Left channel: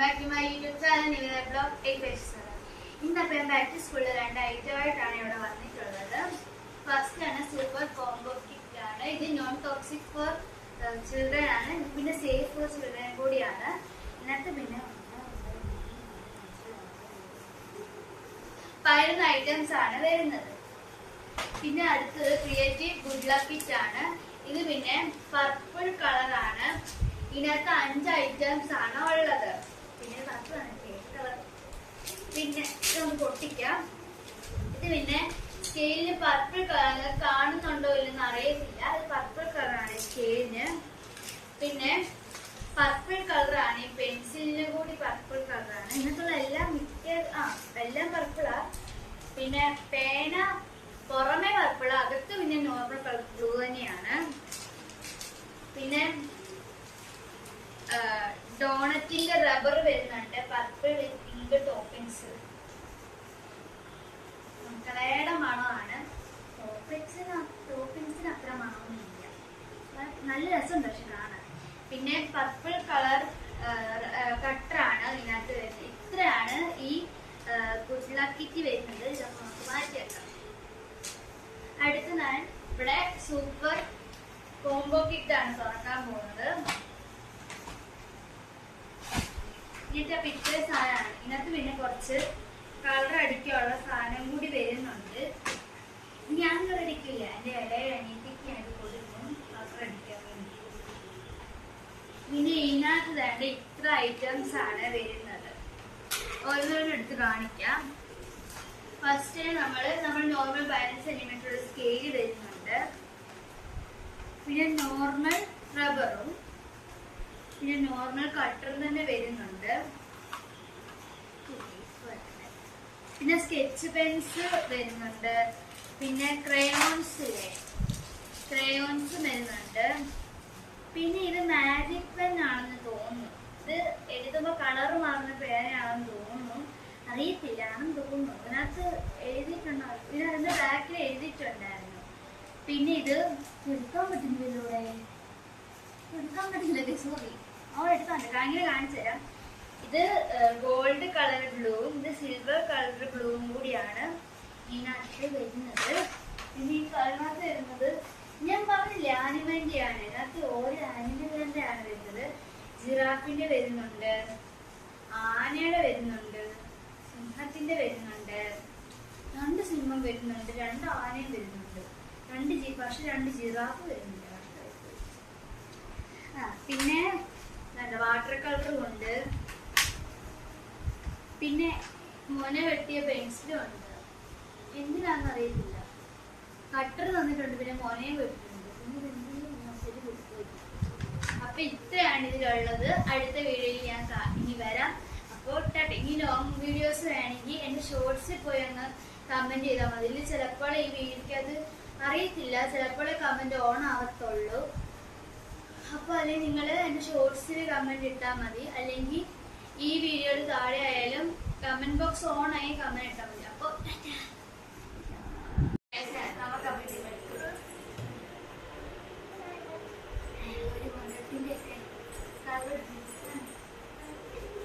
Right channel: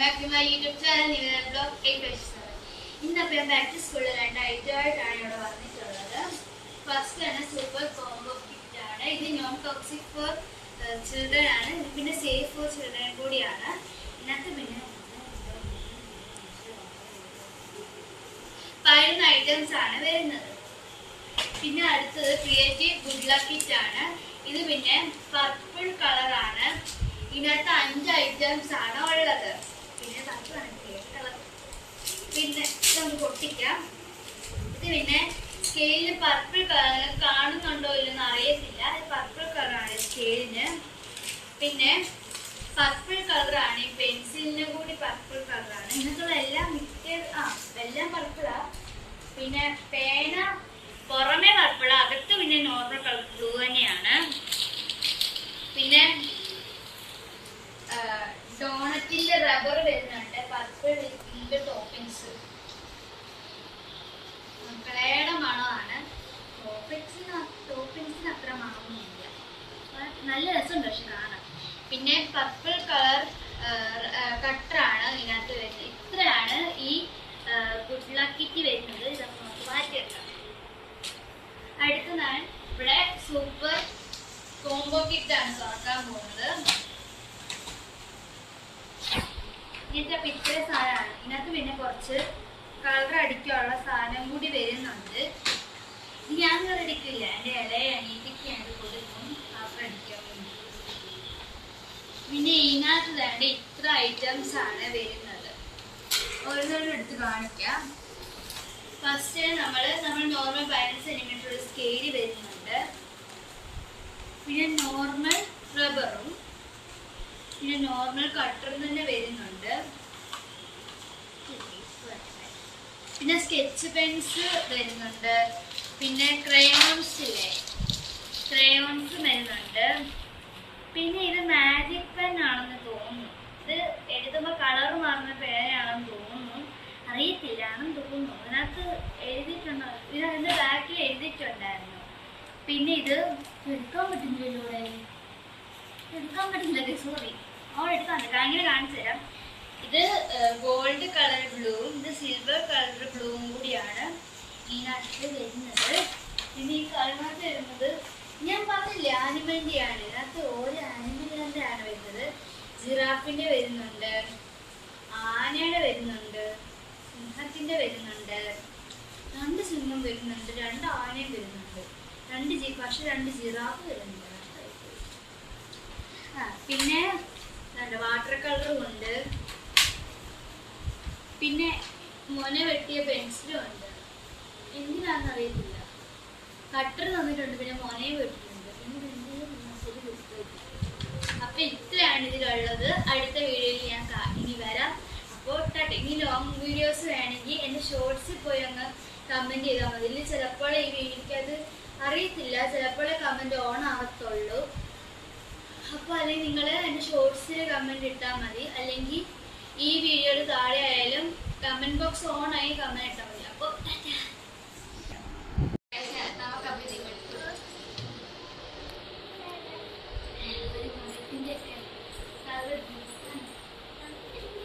back to my YouTube channel, Nivena Vlog 857. ഇന്നപ്പോൾ ഞാൻ back to സ്കൂളിൽ 2 ഐറ്റമായിട്ടാണ് ഇവിടെ വന്നിട്ടുള്ളത്. ഫസ്റ്റ് ആണ് സൂപ്പർ കോംബോ കിറ്റ് ആണ്. ഇത് നോൺ ടോക്സിക് ഫോർ ചിൽഡ്രൻ ആണ്, പിന്നെ സേഫ് ഫോർ ചിൽഡ്രൻ കൂടിയാണ്. ഇതിനകത്ത് പിന്നെ 11 ഐറ്റംസ് ആണ് വരുന്നത്. പിന്നെ അടുത്തത് ക്രിയേറ്റീവ് ഗുഡ് ലക്ക് കിറ്റ് ആണ്. ഇത് പിന്നെ പർപ്പിൾ കളറാണ്. ഇതിനകത്ത് 5 ഐറ്റംസ് ആണ് ഉള്ളത്. പിന്നെ പിന്നെ നമുക്ക് പൊട്ടിക്കാം. ഇത് പിന്നെ സ്കെയിലിന് പർപ്പിൾ കളർ കാണുന്നുണ്ടോ ഇല്ലെന്ന് അറിയത്തില്ല. ഇത് പർപ്പിൾ കളറാണ് സ്കെയിലിന്. പിന്നെ പർപ്പിൾ കളറാണ് ഈ പെൻസിലിന് കൂടി പർപ്പിൾ കളറാണ്. ഇതിനകത്തുള്ള എല്ലാം എല്ലാം പർപ്പിളാ. പിന്നെ പേന പുറമെ പർപ്പിളാ, അകത്ത് പിന്നെ നോർമൽ കളർ ബ്ലൂ തന്നെയാണ്. പിന്നെ ഡോണറ്റിന്റെ റബ്ബർ വരുന്നുണ്ട്, പർപ്പിൾ വിത്ത് പിങ്ക് ടോപ്പിങ്സ്. കളയുടെ മണമാണ്. ടോപ്പിങ്സിന് അത്ര മണമൊന്നുമില്ല, നല്ല രസമുണ്ട് പക്ഷെ കാണാൻ. പിന്നെ പർപ്പിൾ കളർ കട്ടറാണ് ഇതിനകത്ത് വരുന്നത്. ഇത്രയാണ് ഈ ഗുഡ് ലക്ക് കിറ്റ് വരുന്നത്. ഇതൊക്കെ നമുക്ക് മാറ്റി വെക്കാം. അടുത്ത് ഞാൻ ഇവിടെ സൂപ്പർ കോംബോ കിറ്റാണ് തുറക്കാൻ പോകുന്നത്. ഇങ്ങനത്തെ പിറ്റേ സാധനമാണ്. ഇതിനകത്ത് പിന്നെ കുറച്ച് കളർ അടിക്കാനുള്ള സാധനം കൂടി വരുന്നുണ്ട്. ഞാൻ കളർ അടിക്കില്ല, എൻ്റെ ഇലയെ അനീതിക്ക് ഞാൻ കൊടുക്കും കളർ അടിക്കാൻ വേണ്ടി. പിന്നെ ഇതിനകത്ത് വേണ്ട ഇത്ര ഐറ്റംസ് ആണ് വരുന്നത്. ഓരോന്നും എടുത്ത് കാണിക്കാം. ഫസ്റ്റ് നമ്മൾ നോർമൽ 15 സെന്റിമീറ്റർ സ്കെയിൽ വരുന്നുണ്ട്. പിന്നെ നോർമൽ റബ്ബറും പിന്നെ നോർമൽ കട്ടറും തന്നെ വരുന്നുണ്ട്. പിന്നെ സ്കെച്ച് പെൻസ് വരുന്നുണ്ട്. പിന്നെ ക്രയോൺസ് വരുന്നുണ്ട്. പിന്നെ ഇത് മാജിക് പെൻ ആണെന്ന് തോന്നുന്നു. ഇത് എഴുതുമ്പോൾ കളർ മാറുന്ന പേനയാണെന്ന് തോന്നുന്നു, അറിയത്തില്ലാണെന്ന് തോന്നുന്നു. ഇതിനകത്ത് എഴുതിയിട്ടുണ്ടോ, ഇതിനകത്ത് ബാക്കിൽ എഴുതിയിട്ടുണ്ടായിരുന്നു. പിന്നെ ഇത് എടുക്കാൻ പറ്റുന്നില്ലല്ലോ, എടുക്കാൻ പറ്റുന്നില്ല, സോറി. എടുക്കാൻ അങ്ങനെ കാണിച്ചു തരാം. ഇത് ഗോൾഡ് കളർ ബ്ലൂവും ഇത് സിൽവർ കളർ ബ്ലൂവും കൂടിയാണ് ഇതിനകത്ത് വരുന്നത്. പിന്നെ ഈ കളറിനകത്ത് വരുന്നത് ഞാൻ പറഞ്ഞില്ലേ ആനിമലിൻ്റെ ആണ്. ഇതിനകത്ത് ഓരോ ആനിമലിൻ്റെ ആണ് വരുന്നത്. ജിറാഫിൻ്റെ വരുന്നുണ്ട്, ആനയുടെ വരുന്നുണ്ട്, സിംഹത്തിൻ്റെ വരുന്നുണ്ട്, 2 സിംഹം വരുന്നുണ്ട്, 2 ആനയും വരുന്നുണ്ട്, 2 ജിറാഫ് വരുന്നുണ്ട്. പിന്നെ വാട്ടർ കളറും ഉണ്ട്. പിന്നെ മോന വെട്ടിയ പെൻസിലും ഉണ്ട്. എന്തിനാന്ന് അറിയത്തില്ല. കട്ടർ തന്നിട്ടുണ്ട്, പിന്നെ മോനയും വെട്ടിട്ടുണ്ട്. പിന്നെ അപ്പൊ ഇത്രയാണ് ഇതിലുള്ളത്. അടുത്ത വീഡിയോയിൽ ഞാൻ ഇനി വരാം. അപ്പോൾ ഇനി ലോങ് വീഡിയോസ് വേണമെങ്കിൽ എൻ്റെ ഷോർട്സിൽ പോയി അങ്ങ് കമൻറ്റ് ചെയ്താൽ മതി. ഇതിൽ ചിലപ്പോൾ ഈ വീഡിയോയ്ക്ക് അത് അറിയത്തില്ല, ചിലപ്പോഴേ കമൻറ്റ് ഓൺ ആവത്തുള്ളൂ. അപ്പോൾ അല്ലെങ്കിൽ നിങ്ങൾ എൻ്റെ ഷോർട്സിൽ കമൻറ്റ് ഇട്ടാൽ മതി, അല്ലെങ്കിൽ ഈ വീഡിയോയുടെ താഴെ ആയാലും കമൻറ്റ് ബോക്സ് ഓൺ ആയി കമൻറ്റ് ഇട്ടാൽ മതി. അപ്പോൾ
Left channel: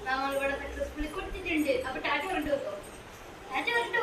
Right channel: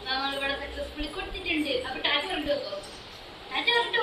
നമ്മളിവിടെ സക്സസ്ഫുള്ളി കൊടുത്തിട്ടുണ്ട്. അപ്പോൾ ടാറ്റ പറഞ്ഞിട്ട് വെക്കോ, ടാറ്റ പറഞ്ഞിട്ട്